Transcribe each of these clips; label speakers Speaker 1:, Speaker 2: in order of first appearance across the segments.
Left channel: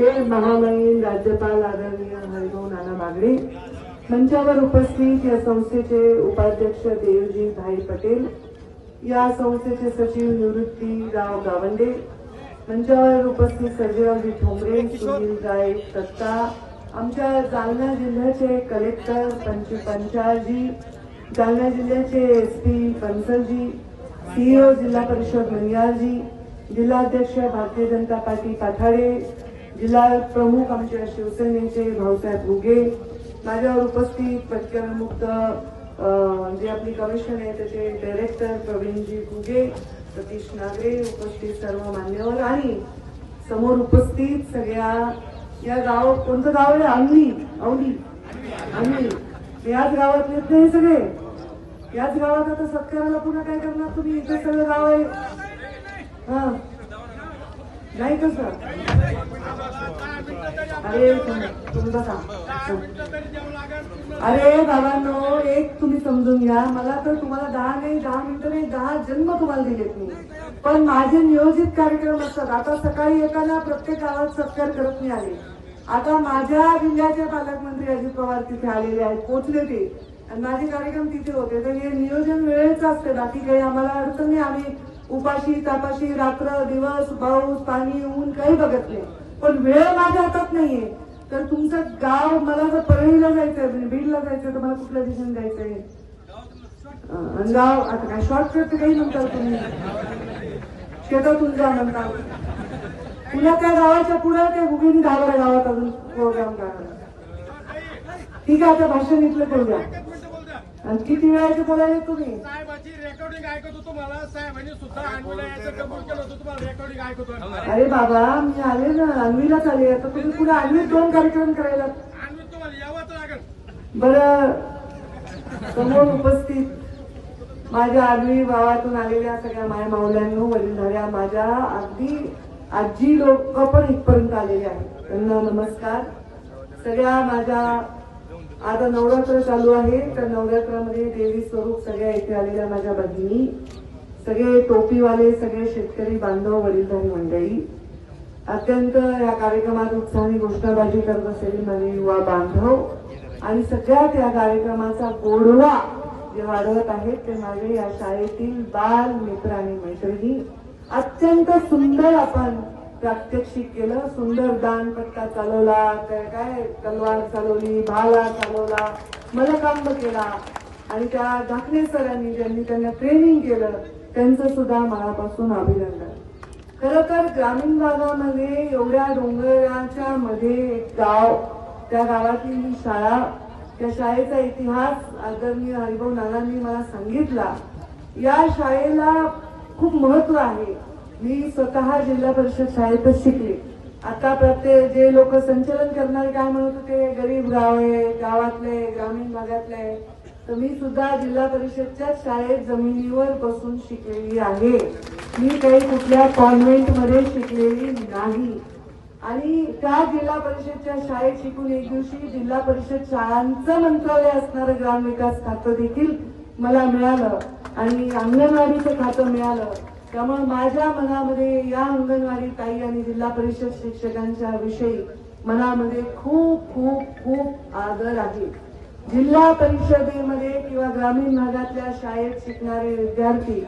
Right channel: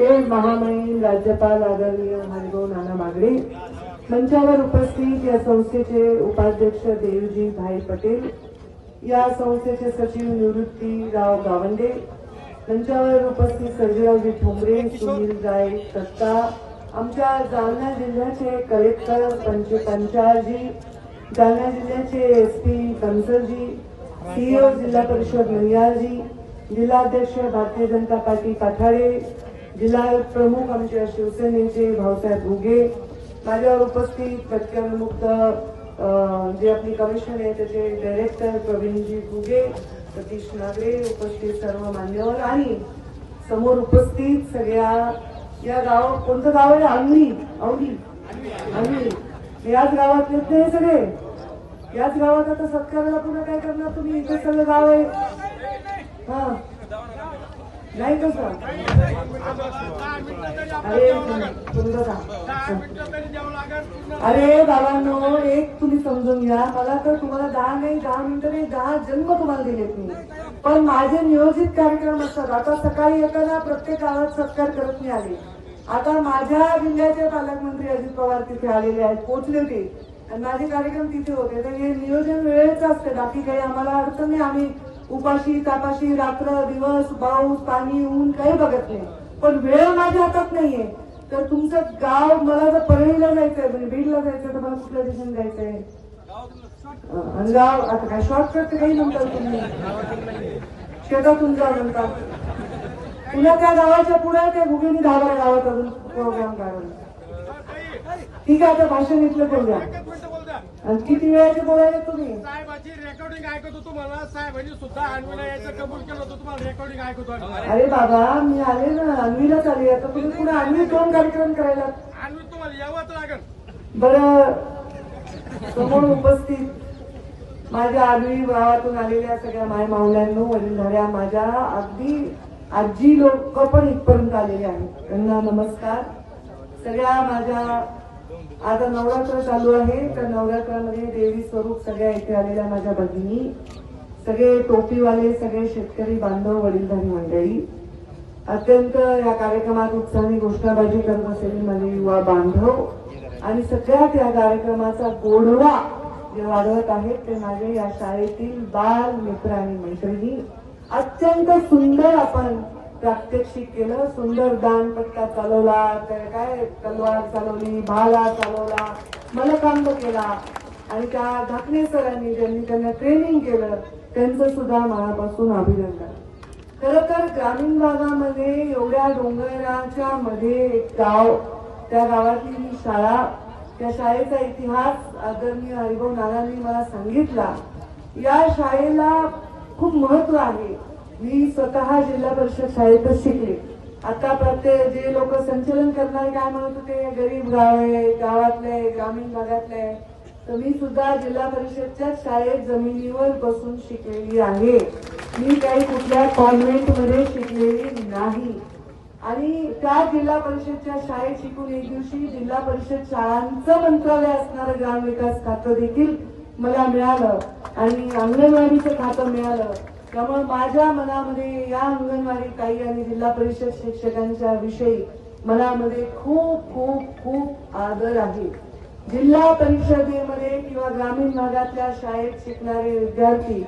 Speaker 1: ते महामहिम राज्यपाल आदरणीय हरिभाऊ नाना मागडे मंचावर उपस्थित या संस्थेचे उपाध्यक्ष देवजी भाई पटेल. या संस्थेचे सचिव निवृत्तीराव गावंडे. मंचावर उपस्थित सर्जेरावजी ठोंबरे सुनील राय सत्ता आमच्या जालना जिल्ह्याचे कलेक्टर पंच पंचाळजी जालना जिल्ह्याचे एस पी कंसलजी सीईओ जिल्हा परिषद नंदियालजी जिल्हाध्यक्ष भारतीय जनता पार्टी काठाळे जिल्हा प्रमुख आमच्या शिवसेनेचे भाऊसाहेब उगे माझ्यावर उपस्थित पटकनमुक्त जे आपली कमिशन आहे त्याचे डायरेक्टर प्रवीणजी घुगे सतीश नागरे उपस्थित सर्व मान्यवर आणि समोर उपस्थित सगळ्या या गाव कोणतं गाव आहे? अंगली औली अंगली याच गावातलेच नाही हे सगळे. याच गावात आता सत्काराला पुन्हा काय करणार तुम्ही? इथे सगळं गाव आहे. हा. नाही कसं अरे तुमचं काम अरे बाबांनो एक तुम्ही समजून घ्या. मला तर तुम्हाला दहा नाही दहा मिनिटं नाही दहा जन्म तुम्हाला दिलेत मी. पण माझे नियोजित कार्यक्रम असतात. आता सकाळी येताना प्रत्येक गावात सत्कार करत मी आले आता माझ्या जिल्ह्याचे पालकमंत्री अजित पवार तिथे आलेले आहेत पोहोचले ते. आणि माझे कार्यक्रम तिथे होते. तर हे नियोजन वेळेचं असते. बाकी काही आम्हाला अडचण नाही. आम्ही उपाशी तापाशी रात्र दिवस पाऊस पाणी ऊन काही बघत नाही. पण वेळ माझ्या हातात नाहीये. तर तुमचं गाव मला जर परळीला जायचंय म्हणजे बीडला जायचंय तर मला कुठल्या दिशेने जायचंय? गाव आता काय शॉर्टकट काही म्हणताल तुम्ही शेतातून जा म्हणता. पुन्हा त्या गावाच्या पुढे ते गुगीने दहा गावात अजून प्रोग्राम करा ठीक आहे आता भाषण इथलं करूया आणि किती वेळाचे बोलायचे तुम्ही?
Speaker 2: साहेबाची रेकॉर्डिंग ऐकत होतो मला. साहेबांनी सुद्धा अन्वीला यायचं कबूल केलं होतं. तुम्हाला रेकॉर्डिंग ऐकत होतो
Speaker 1: अरे बाबा मी आले ना अन्वीलाच आले आता तुम्ही पुढे अन्वी दोन कार्यक्रम करायला.
Speaker 2: अन्वी तुम्हाला यावंच लागेल.
Speaker 1: बरं. समोर उपस्थित माझ्या आगळी गावातून आलेल्या सगळ्या माय माऊल्यांनो वडीलधाऱ्या माझ्या अगदी आजी लोक पण इथपर्यंत आलेले आहेत. त्यांना नमस्कार. सगळ्या माझ्या आता नवरात्र चालू आहे. तर नवरात्रामध्ये देवी स्वरूप सगळ्या इथे आलेल्या माझ्या भगिनी सगळे टोपीवाले सगळे शेतकरी बांधव वडीलधारी मंडळी. अत्यंत या कार्यक्रमात उत्साहाने घोषणाबाजी करत असलेले माझे युवा बांधव आणि सगळ्यात या कार्यक्रमाचा गोडवा जे वाढवत आहेत ते माझे या शाळेतील बाल मित्र आणि मैत्रिणी. अत्यंत सुंदर आपण प्रात्यक्षिक केलं सुंदर दानपट्टा चालवला काय काय तलवार चालवली भाला चालवला मलकांब केला. आणि त्या धाकणे सरांनी ज्यांनी त्यांना ट्रेनिंग केलं त्यांचं सुद्धा मनापासून अभिनंदन. खर तर ग्रामीण भागामध्ये एवढ्या डोंगराच्या मध्ये एक गाव त्या गावातली ही शाळा त्या शाळेचा इतिहास आदरणीय हरिभाऊ नानांनी मला सांगितला. या शाळेला खूप महत्त्व आहे. मी स्वतः जिल्हा परिषद शाळेतच शिकले. आता प्रत्येक जे लोक संचलन करणार काय म्हणत होते गरीब गाव आहे गावातले ग्रामीण भागातले आहे तर मी सुद्धा जिल्हा परिषदच्या शाळेत जमिनीवर बसून शिकलेली आहे. मी काही कुठल्या कॉन्व्हेंटमध्ये शिकलेली नाही. आणि त्या जिल्हा परिषदच्या शाळेत शिकून एक दिवशी जिल्हा परिषद शाळांचं मंत्रालय असणारं ग्रामविकास खातं देखील मला मिळालं. आणि अंगणवाडीचं खातं मिळालं. त्यामुळे माझ्या मनामध्ये या अंगणवाडी ताई आणि जिल्हा परिषद शिक्षकांच्या विषयी मनामध्ये खूप खूप खूप आदर आहे. जिल्हा परिषदेमध्ये किंवा ग्रामीण भागातल्या शाळेत शिकणारे विद्यार्थी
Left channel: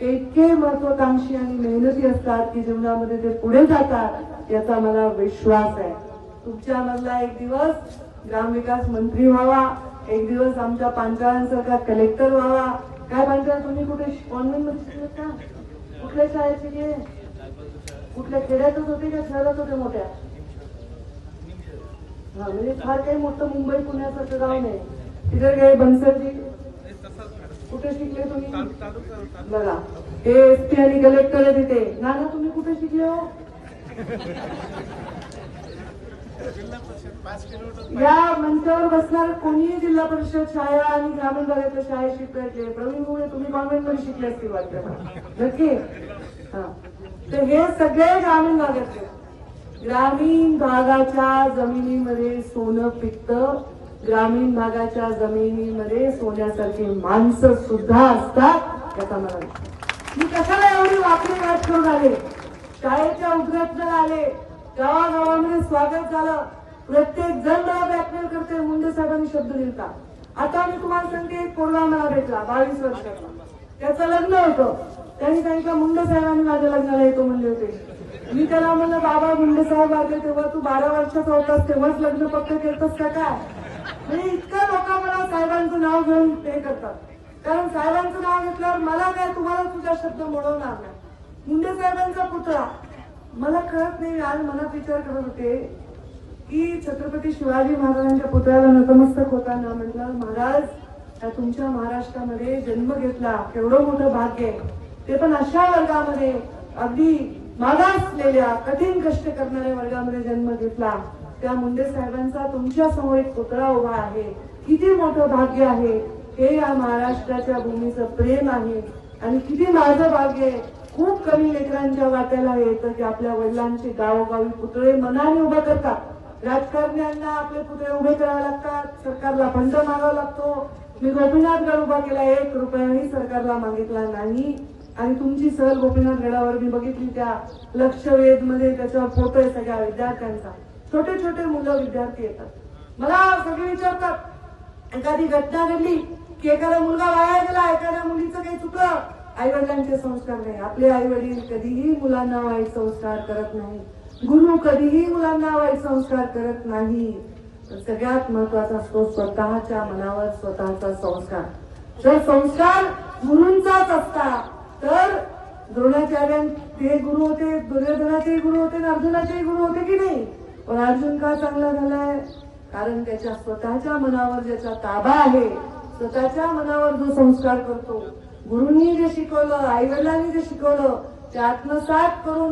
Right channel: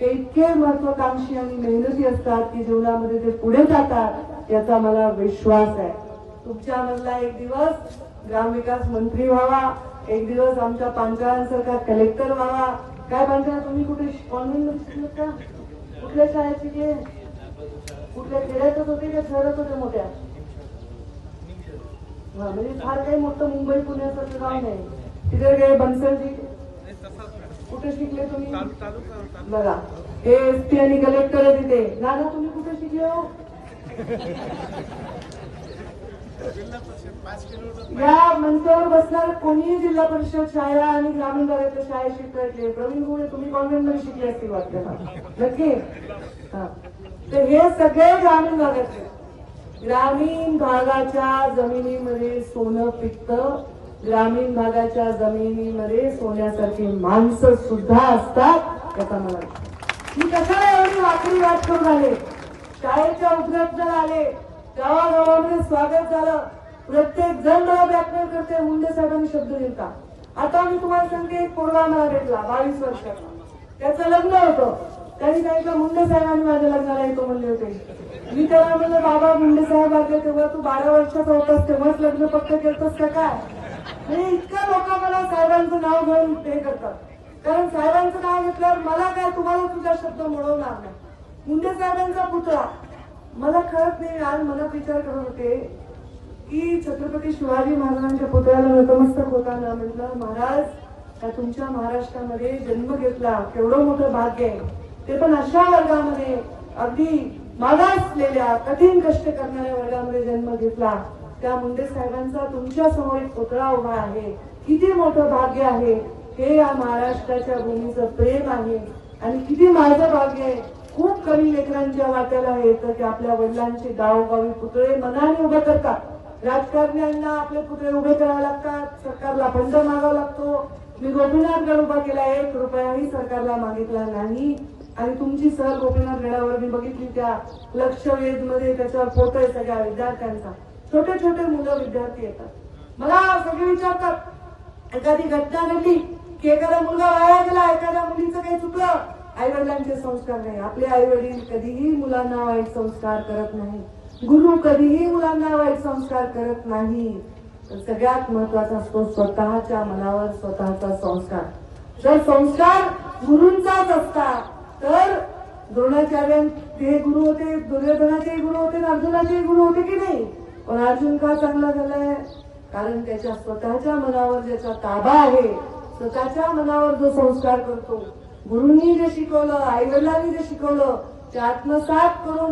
Speaker 1: ते इतके महत्वाकांक्षी आणि मेहनती असतात की जीवनामध्ये ते पुढे जातात याचा मला विश्वास आहे. तुमच्या मधला एक दिवस ग्रामविकास मंत्री व्हावा एक दिवस आमच्या पांचाळांसारखा कलेक्टर व्हावा. काय पांचाळ तुम्ही कुठे? कॉन्व्हेंटमध्ये शिकलात का कुठल्या शाळेची शिकले कुठल्या खेड्यातच होते का शहरात होत्या मोठ्या? हा, म्हणजे फार काही मोठं मुंबई पुण्याचं गाव नाही तिथे काही बनसरजी? कुठे शिकले तुम्ही? बघा. हे एस पी आणि कलेक्टर आहे तिथे. नाना तुम्ही कुठे शिकले हो? या मंचावर बसणार कोणीही जिल्हा परिषद शाळा आणि ग्रामीण भागातल्या शाळेत शिकले प्रवीण मुळे तुम्ही कॉन्व्हेंटमध्ये शिकले असतील वाटतं. नक्की? तर हे सगळे ग्रामीण भागातले. ग्रामीण भागाच्या जमिनीमध्ये सोनं पिकतं. ग्रामीण भागाच्या जमिनीमध्ये सोन्यासारखी माणसं सुद्धा असतात. याचा मला मी कशाला एवढी वाकडी वाट करून आले? शाळेच्या उद्घाटनाला आले. गावागावामध्ये स्वागत झालं. प्रत्येक जण मला करते मुंडे साहेबांनी शब्द लिहिता आता मी तुम्हाला सांगते एक पोरगा मला भेटला बावीस वर्षाचा त्याचं लग्न होतं. त्यांनी काही का मुंडे साहेबांनी माझ्या लग्नाला येतो म्हणले होते. मी त्याला म्हणतो बाबा मुंडे साहेब आले तेव्हा तू बारा वर्षाचा होतास तेव्हाच लग्न पक्क करतोस का काय? म्हणजे इतका लोक मला साहेबांचं नाव घेऊन ते करतात. कारण साहेबांचं नाव घेतल्यावर मला काय तुम्हाला तुझा शब्द मोडवणार नाही. मुंडे साहेबांचा पुतळा. मला कळत नाही आज मला विचार करत होते की छत्रपती शिवाजी महाराजांच्या पुतळ्याला नतमस्तक होताना म्हटलं महाराज या तुमच्या महाराष्ट्रामध्ये जन्म घेतला केवढं मोठं भाग्य आहे. ते पण अशा वर्गामध्ये अगदी मागासलेल्या कठीण कष्ट करणाऱ्या वर्गामध्ये जन्म घेतला. त्या मुंडे साहेबांचा तुमच्यासमोर एक पुतळा उभा आहे. किती मोठं भाग्य आहे. हे या महाराष्ट्राच्या भूमीचं प्रेम आहे. आणि किती माझं भाग्य आहे. खूप कमी लेकरांच्या वाट्याला येतं की आपल्या वडिलांचे गावोगावी पुतळे मनाने उभे करतात. राजकारण्यांना आपले पुतळे उभे करावे लागतात. सरकारला फंड मागावा लागतो. मी गोपीनाथ गड उभा केला एक रुपयाही सरकारला मागितला नाही. आणि तुमची सहल गोपीनाथ गडावर मी बघितली त्या लक्ष वेधमध्ये त्याच्यावर फोटो आहे सगळ्या विद्यार्थ्यांचा. छोटे छोटे मुलं विद्यार्थी येतात. मला सगळे विचारतात एखादी घटना घडली की एखादा मुलगा वाया गेला एखाद्या मुलीचं काही चुकलं आई वडिलांचे संस्कार नाही. आपले आई वडील कधीही मुलांना वाईट संस्कार करत नाही. गुरु कधीही मुलांना वाईट संस्कार करत नाही. सगळ्यात महत्त्वाचा असतो स्वतःच्या मनावर स्वतःचा संस्कार. जर संस्कार गुरूंचाच असता तर द्रोणाचार्यांचे गुरु होते दुर्योधनाचे गुरु होते अर्जुनाचे गुरु होते की नाही? पण अर्जुन का चांगला झालाय? कारण त्याच्या स्वतःच्या मनावर ज्याचा ताबा आहे स्वतःच्या मनावर जो संस्कार करतो गुरुंनी जे शिकवलं आईवडिलांनी जे शिकवलं ते आत्मसात करून